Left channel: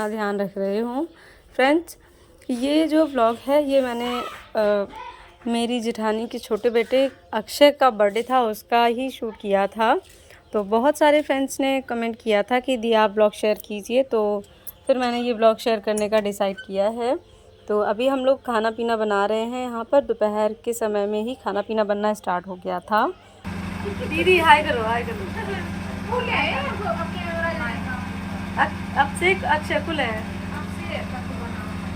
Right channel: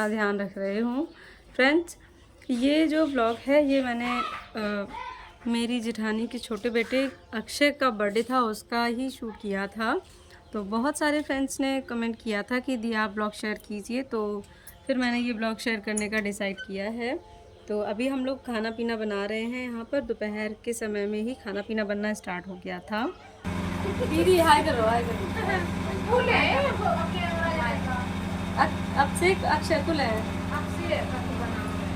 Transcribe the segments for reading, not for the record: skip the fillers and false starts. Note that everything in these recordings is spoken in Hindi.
अपना ध्यान रख रहे हों। फ्रेंड्स, ये जो व्लॉग है ये मैंने मेरी जेठानी के छोटे बेटे अक्षय का बर्थडे था उसका ही शूट किया था। तो बहुत सारे फ्रेंड्स ने कमेंट किया था कि दी आप ब्लॉग शेयर कीजिए, तो फिर मैंने ये ब्लॉग शेयर करने का डिसाइड किया है। तो अभी हम लोग खाना पीना बना रहे हैं यहाँ पर। दोपहर के समय में ही खाना पीना बनना स्टार्ट हो गया था। दीदी हाय करो, हाय करो। अब से अक्षय कुल है।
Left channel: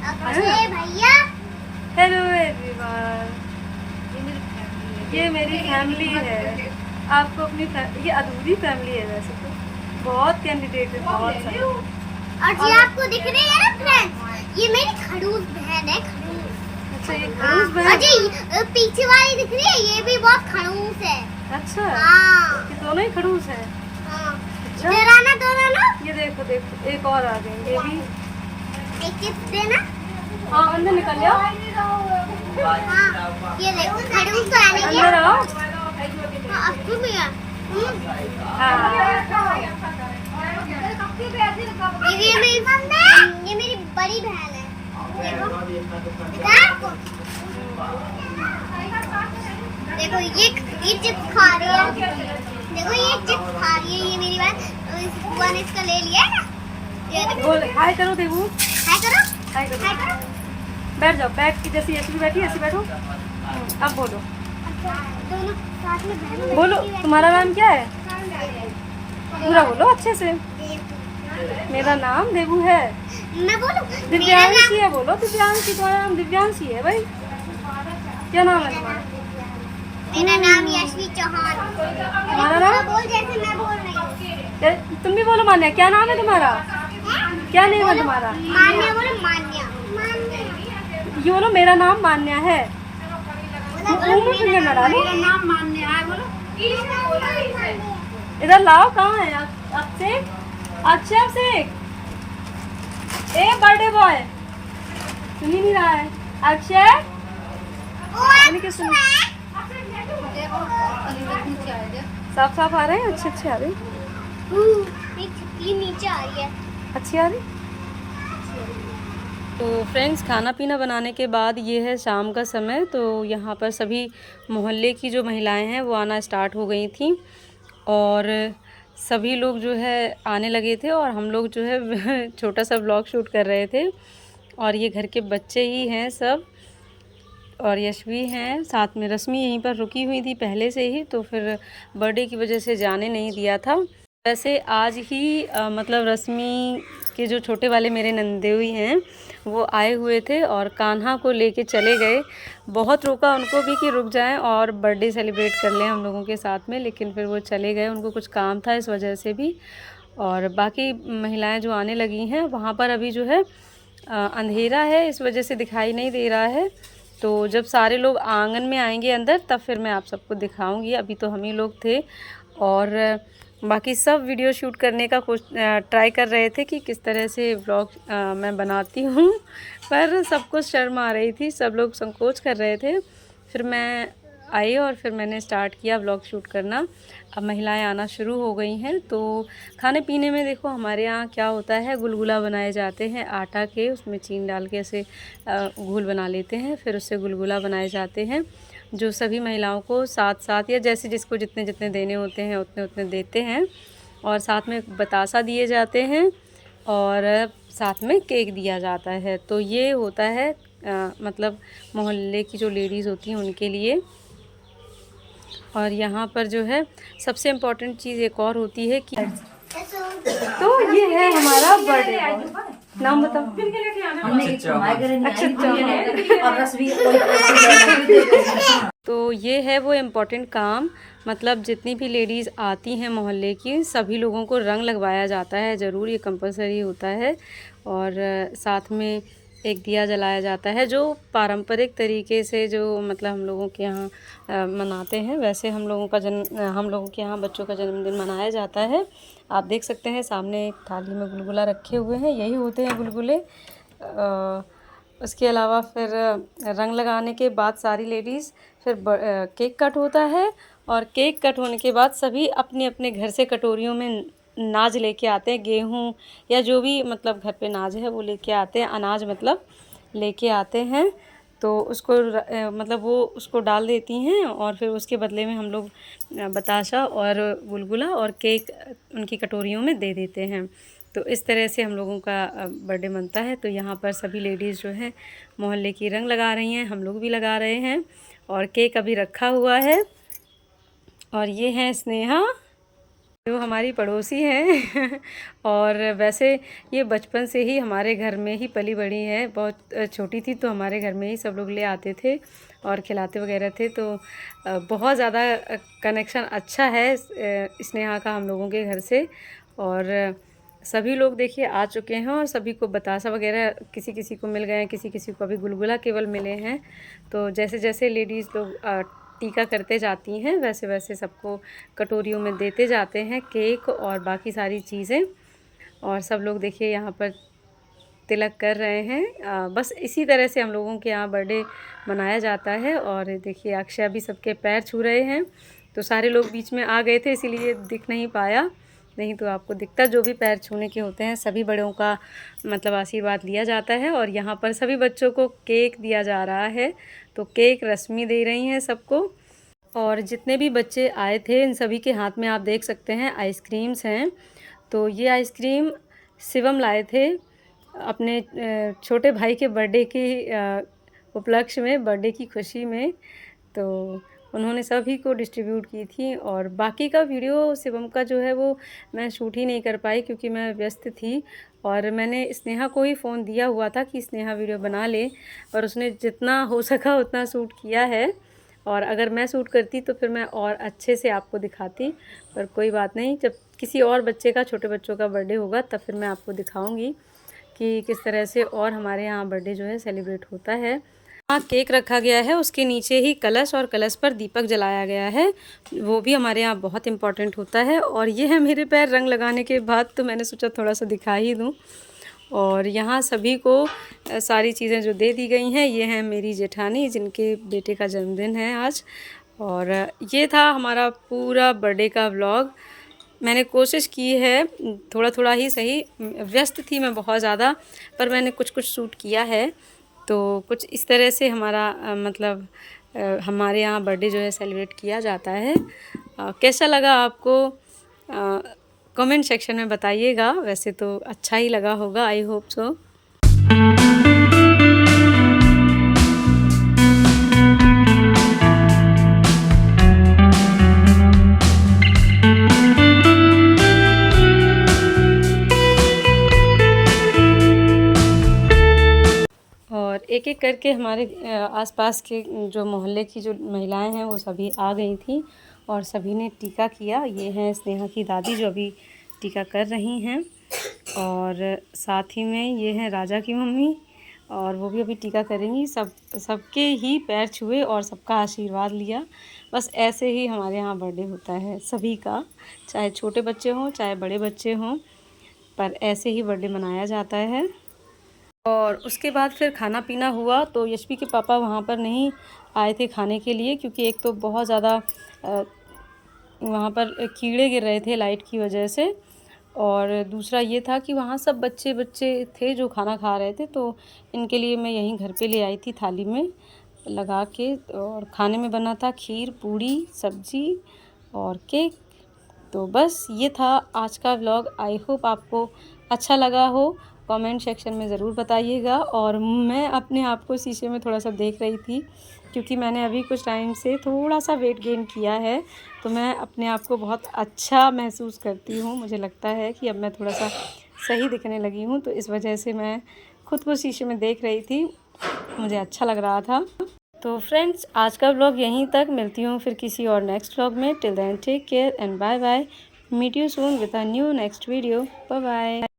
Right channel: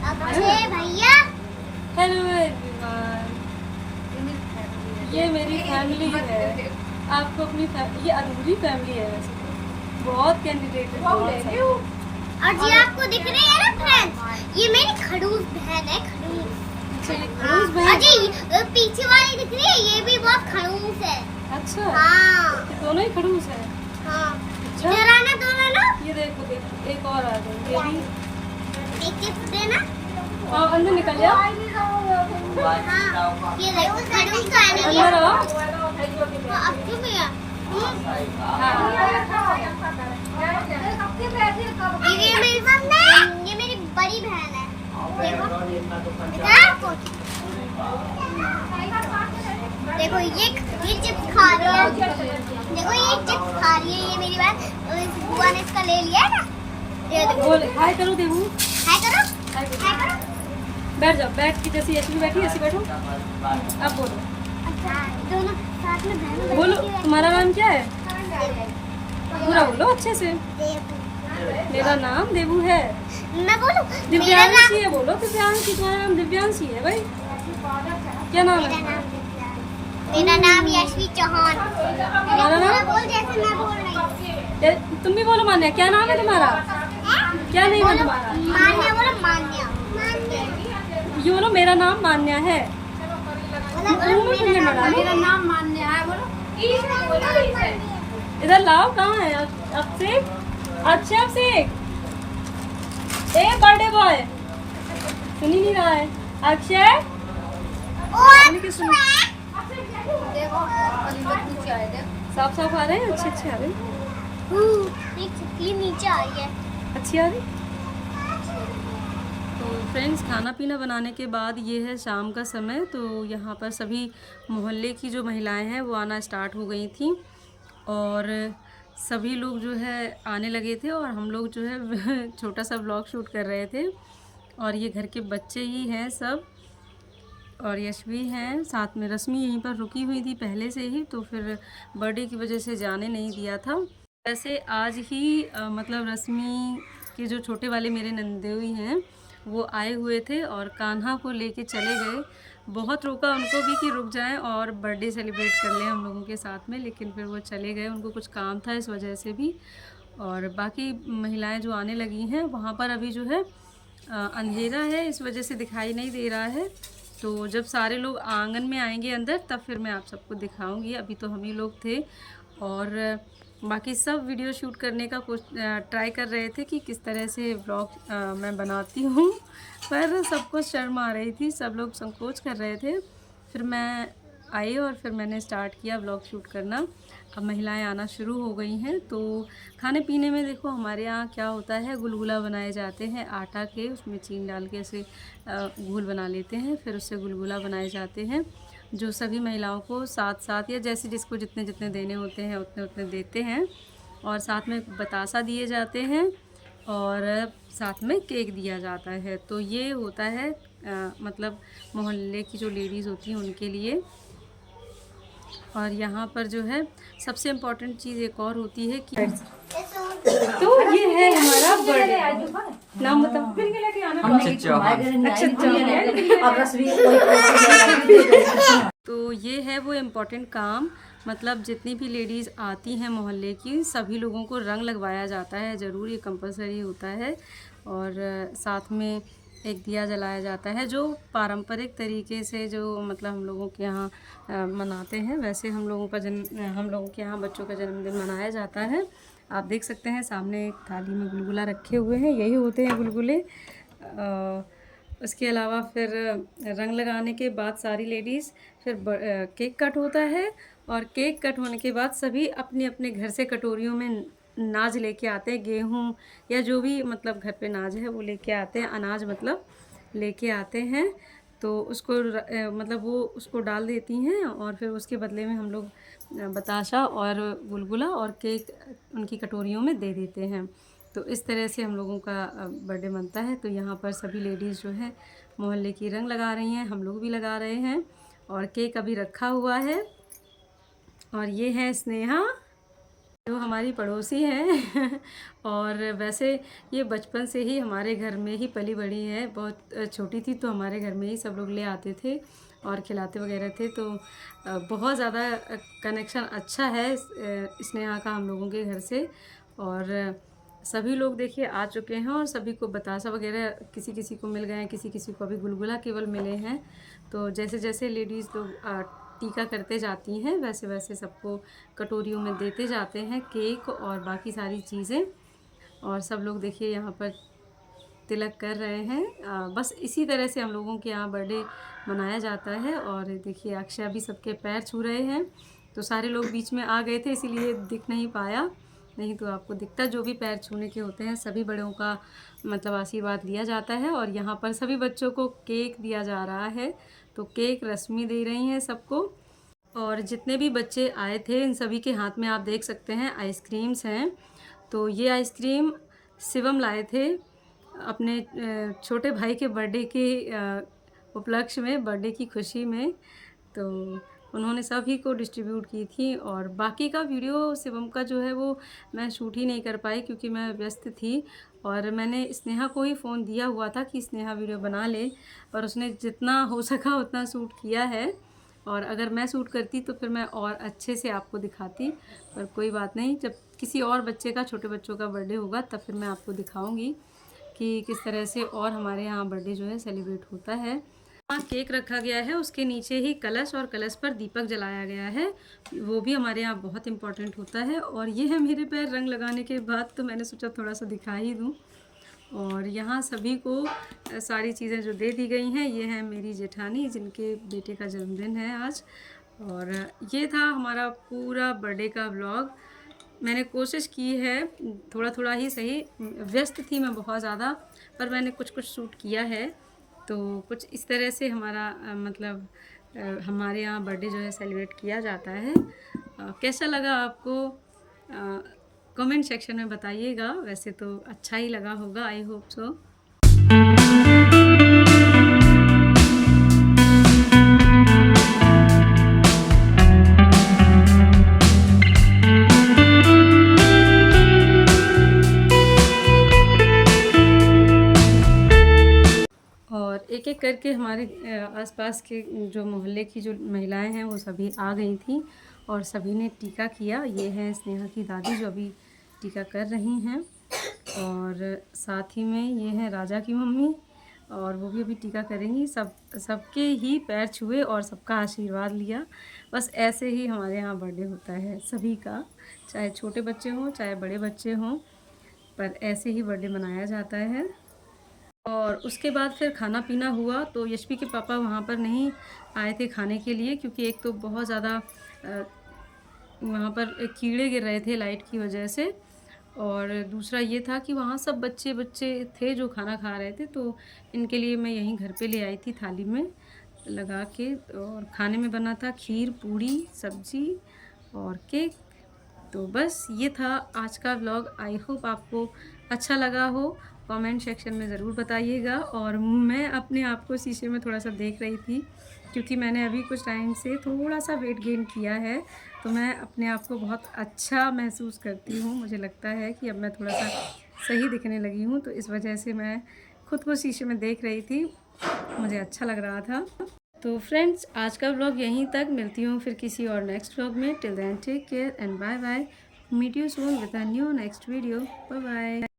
अक्षय भैया, हेलो एवरीवन, ये मेरी फैमिली है। आपको अपनी ये अधूरी फैमिली है वैसे तो, बहुत कैंडिडेट है, बहुत सारे। और जी आपको दिख रही है ना फ्रेंड्स, ये मेरी खड़ूस बहन है, खड़ूस। अच्छा, ये खड़ूस बहन। और जी पीछे वाली दिख रही है, ये भी बहुत खड़ूस है। अच्छा, हाँ, ये दोनों ही खड़ूस है। हाँ। अच्छा? इधर आना दोनों लोग। ये देखो देखो, एक और आ गए, ये भी। एक गिफ्ट देना। हाँ, अंदर निकल जाओ। हाँ, ये देखो खड़ूस तो आने की। अंदर आओ। हाँ, अच्छी भी है। ये मेरी बड़ी बहन है। देखो, देखो ये चिप्स खा रही है। देखो ये चिप्स खा रही है, ये मेरी बहन। इस बुआ ने इसका ले लिया है ना। ये देखो। बोल हाय करो देवू। हाय करो, हाय करो। हाय करो। बैठ जाओ, बैठ के जैसी ऐसी भी बैठी ऐसी बैठो। अब बोलो, दोनों साथ में बहन बोलो तुम्हारा नाम क्या है? पूरा बोलो अच्छे से। मेरा नाम देवू है। मैं बोलूं? दिव्यांशी है, बोलो दिव्यांशी। तुम्हारा नाम दिव्यांशी है भाई? क्या नाम है तुम्हारा? मेरा नाम यशवी चौहान। तुम्हारा नाम? बोल जैसे मैं बोल रही हूँ। तुम भी बोलो मान्या। क्या नाम है तुम्हारा? क्या नेम है तुम्हारा? मान्या बोलो, मान्या। मान्या। ये बोलो मेरा नाम मान्या है। मुंह में फिंगर न डालो। इधर लाओ। कहाँ है अभिषेक? अक्षय, अभिषेक, ए बर्थडे बॉय, सुन ही नहीं रहा है। अक्षय साफ साफ आ रहे हैं, अच्छे अच्छे आ रहे हैं। एक छतरी नीचे आ रही है। अच्छी आ रही। तो फ्रेंड्स, खाना पीना बनाने के बाद ये है शाम का समय। तो यहाँ पर सभी मोहल्ले की जो महिलाएं हैं वो आना स्टार्ट हो गई थी और सभी लोग जो है आने लगे थे और हम लोग जो है छोटा सा व्लॉग शूट कर रहे थे। और ये घर के बच्चे ही हैं सब, और यशवी हैं साथ में। रश्मि यहीं पर रुकी हुई थी पहले से ही, तो फिर बर्थडे की वजह से जाने नहीं दिया था। वैसे आज ही मतलब रश्मि के जो छोटे वाले मेरे नंदेवी हैं वो आए हुए थे और कान्हा को लेके चले गए। बहुत रोका उनको भी कि रुक जाएं और बर्थडे सेलिब्रेट कर लें हम लोगों के साथ में, लेकिन फिर वो चले गए, उनको कुछ काम था इस वजह से भी। और बाकी महिलाएं जो आने लगी हैं वहाँ पर अभी जो है अंधेरा है, इस वजह से दिखाई नहीं दे रहा है। तो जब सारे लोग आंगन में आएंगे अंदर तब फिर मैं आप सबको दिखाऊंगी। अभी तो हम ही लोग थे और बाकी सब वीडियो शूट करने का कुछ ट्राई कर रहे थे कि किस तरह से व्लॉग मैं बनाती हूँ, पर सबको शर्म आ रही थी, सब लोग संकोच कर रहे थे। फिर मैं आई और फिर मैंने स्टार्ट किया व्लॉग शूट करना। अब महिलाएं आना शुरू हो गई हैं। तो खाने पीने में देखो हमारे यहाँ क्या होता है, गुलगुला बनाए जाते हैं आटा के, उसमें चीनी डाल के ऐसे घोल बना लेते हैं, फिर उससे गुलगुला बनाए जाते हैं जो सभी महिलाओं को साथ साथ या जैसे जिसको जितने जितने देने होते हैं उतने उतने देते हैं। और साथ में बतासा दिए जाते हैं और साथ में केक दिया जाता है। तो ये होता है मतलब मोहल्ले की जो लेडीज़ होती हैं उनके लिए। और यहाँ पर जो है सबसे इम्पोर्टेंट चीज़ एक और होती है कि तो ये है हमारा बर्थडे बॉय। नाम बताओ। अच्छा, तो ये है वो इम्पोर्टेंट काम, मतलब जितनी भी लेडीज़ आती हैं मोहल्ले की सभी लोगों को रंग लगवाया जाता है, ज़रूर ये कंपलसरी होता है। और साथ में एक दिया जलाया जाता है जो पारंपरिक तरीके से जो मतलब हम लोगों के यहाँ मनाते हैं, वैसे हम लोगों के यहाँ बच्चों का जन्मदिन मनाया जाता है। आप देख सकते हैं सामने एक थाली में गुलगुला रखे हुए हैं, यही होते हैं गुलगुले। उसके अलावा फिर रंग लगाने के बाद सारी लेडीज़ फिर केक कट होता है और केक कट होने के बाद सभी अपने अपने घर से कटोरियों में नाज लेके आते हैं, गेहूँ या जो भी मतलब घर पे नाज है वो लेके आते हैं, अनाज मतलब लेके आते हैं। तो उसको मतलब वो उसको डाल देती हैं और फिर उसके बदले में हम लोग बताशा और गुलगुला और केक उनकी कटोरियों में दे देते हैं। तो इस तरह से हम लोगों का बर्थडे मनता है। तो यहाँ पर सभी लेडीज़ जो हैं मोहल्ले की रंग लगा रही हैं, हम लोग भी लगा रहे हैं और केक अभी रखा हुआ है। और ये हैं स्नेहा जो हमारी पड़ोसी हैं और वैसे ये बचपन से ही हमारे घर में ही पली बड़ी है। बहुत छोटी थी तो हमारे घर में ही सब लोग ले आते थे और खिलाते वगैरह थे। तो बहुत ज़्यादा कनेक्शन अच्छा है स्नेहा का हम लोगों के घर से। और सभी लोग देखिए आ चुके हैं और सभी को बतासा वगैरह किसी किसी को मिल गए हैं, किसी किसी को अभी गुलगुला केवल मिले हैं। तो जैसे जैसे लेडीज़ लोग टीका करते जाती हैं वैसे वैसे सबको कटोरियों में देते जाते हैं केक और बाकी सारी चीज़ें। और सब लोग देखिए यहाँ पर तिलक कर रहे हैं। बस इसी तरह से हम लोगों के यहाँ बर्थडे मनाया जाता है। और देखिए अक्षय भी सबके पैर छू रहे हैं। तो सारे लोग बीच में आ गए थे इसीलिए दिख नहीं पाया, नहीं तो आपको दिखता। जो भी पैर छूने के होते हैं सभी बड़ों का मतलब आशीर्वाद लिया जाता है। और यहाँ पर सभी बच्चों को केक दिया जा रहा है। तो केक रश्मि दे रही हैं सबको। और जितने भी बच्चे आए थे इन सभी के हाथ में आप देख सकते हैं आइसक्रीम्स हैं। तो ये आइसक्रीम शिवम लाए थे अपने छोटे भाई के बर्थडे के उपलक्ष्य में, बर्थडे की खुशी में। तो उन्होंने सभी को डिस्ट्रीब्यूट की थी। और बाकी का वीडियो शिवम का जो है वो मैं शूट ही नहीं कर पाई क्योंकि मैं व्यस्त थी। और मैंने स्नेहा को ही फ़ोन दिया हुआ था कि स्नेहा वीडियो बना ले और उसने जितना हो सका उतना शूट किया है। और अगर मैं शूट करती तो फिर मैं और अच्छे से आपको दिखाती, पर कोई बात नहीं, जब किसी और बच्चे का, छोटे बच्चों का बर्थडे होगा तब फिर मैं आपको दिखाऊंगी कि किस तरह से और हमारे यहाँ बर्थडे जो है सेलिब्रेट होता है। हाँ, केक रखा गया है, उसके नीचे ही कलश और कलश पर दीपक जलाया गया है, वो भी हमारे यहाँ बहुत इम्पॉर्टेंट होता है। और ये है मेरे पैर रंग लगाने के बाद, तो मैंने सोचा थोड़ा सा दिखा ही दूँ। और यहाँ सभी को सारी चीज़ें जो दे दी गई हैं, ये हैं मेरी जेठानी जिनके बेटे का जन्मदिन है आज। और ये था हमारा पूरा बर्थडे का व्लॉग। मैंने कोशिश की है थोड़ा थोड़ा ही सही, व्यस्त थी मैं बहुत ज़्यादा, पर मैंने कुछ कुछ शूट किया है। तो कुछ इस तरह से हमारा मतलब हमारे यहाँ बर्थडे जो है सेलिब्रेट किया जाता है। कैसा लगा आपको कमेंट सेक्शन में बताइएगा। वैसे तो अच्छा ही लगा होगा, आई होप सो। और एक एक करके हमारे आसपास के जो मोहल्ले की जो महिलाएं हैं वो सभी आ गई थी और सभी ने टीका किया। ये हैं स्नेहा की दादी जो अभी टीका कर रही हैं। और साथ ही में ये हैं राजा की मम्मी और वो भी अभी टीका करेंगी। सबके ही पैर छुए और सबका आशीर्वाद लिया। बस ऐसे ही हमारे यहाँ बर्थडे होता है सभी का, चाहे छोटे बच्चे हों चाहे बड़े बच्चे हों, पर ऐसे ही बर्थडे मनाया जाता है। और उसके बाद फिर खाना पीना हुआ। तो यशवी के पापा वहाँ पर नहीं आए थे खाने के लिए क्योंकि एक तो बहुत ज़्यादा वहाँ पर कीड़े गिर रहे थे लाइट की वजह से, और दूसरा ये था कि वहाँ सब बच्चे थे जो खाना खा रहे थे। तो इनके लिए मैं यहीं घर पे ले आई थी थाली में लगा के। और खाने में बना था खीर, पूड़ी, सब्जी और केक। तो बस ये था आज का व्लॉग। आई होप आपको अच्छा लगा हो। कमेंट सेक्शन में ज़रूर बताइएगा। और मैं अपने आप को शीशे में थोड़ा सा देख रही थी क्योंकि मैंने अभी कुछ टाइम से थोड़ा सा वेट गेन किया है। तो मैं अपने आप को बहुत अच्छा महसूस करती हूँ। मुझे लगता है कि अब मैं थोड़ा सा सही दिखने लगी हूँ, तो इस वजह से मैं खुद को शीशे में देख रही थी, मुझे अच्छा लग रहा था। तो फ्रेंड्स, आज का व्लॉग यहीं तक। मिलती हूँ फिर किसी और नेक्स्ट व्लॉग में। Till then take care and bye bye. Meet you soon with a new next video. Bye bye.